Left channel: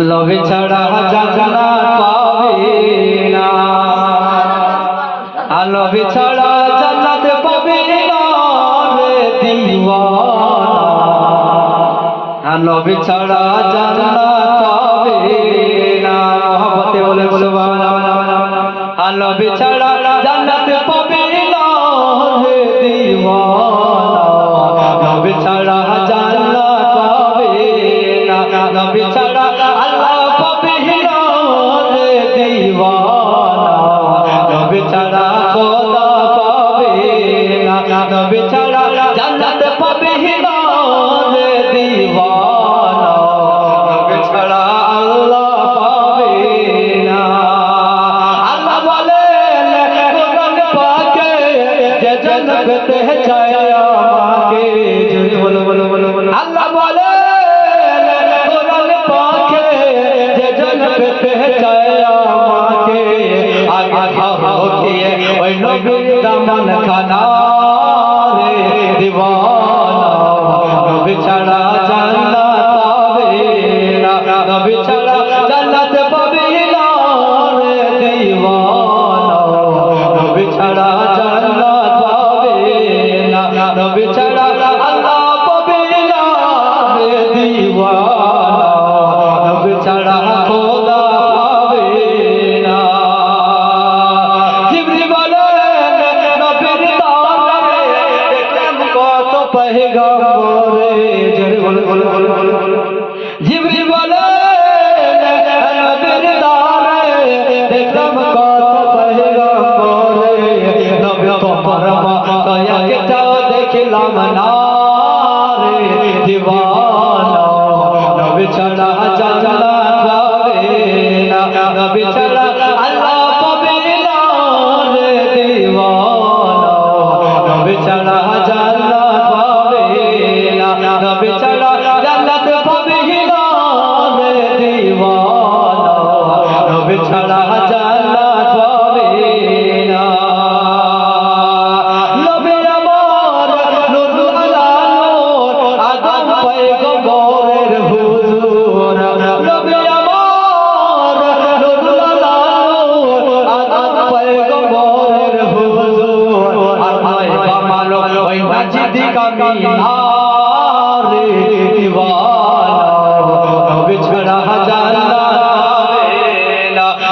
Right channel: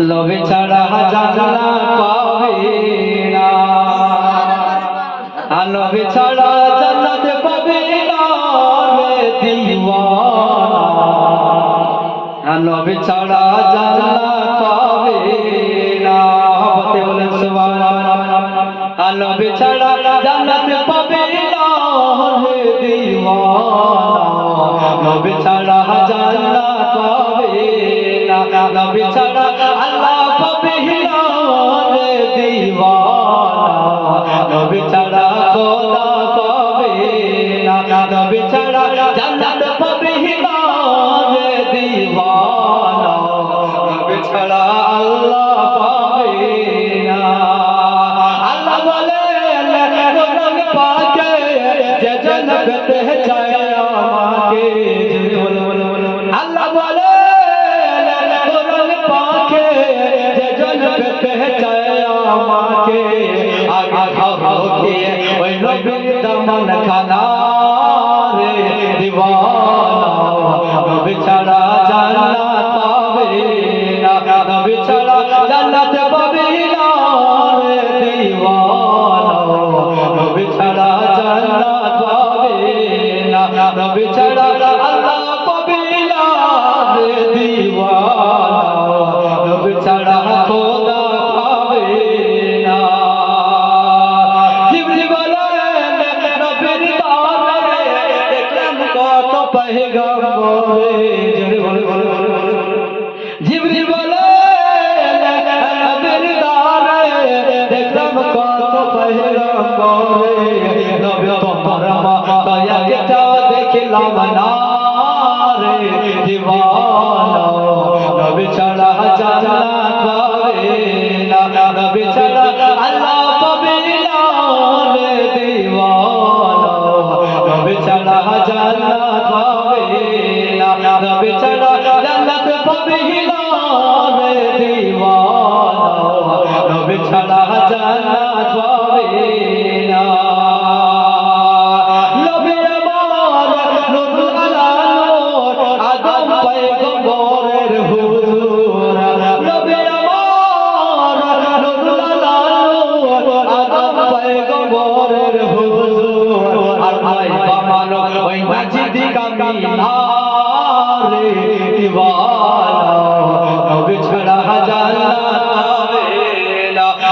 লবে ছাড়া জানলা পাবে না। আর লবে ছাড়া জান্নাতে পাবে না রে দিওয়ানা। লবে ছাড়া জানলা পাবে না। হতে বলে বলে বাবা। লবে ছাড়া জান্নাতে পাবে Vedam Nakana. রাজা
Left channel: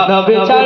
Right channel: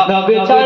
মাধব চর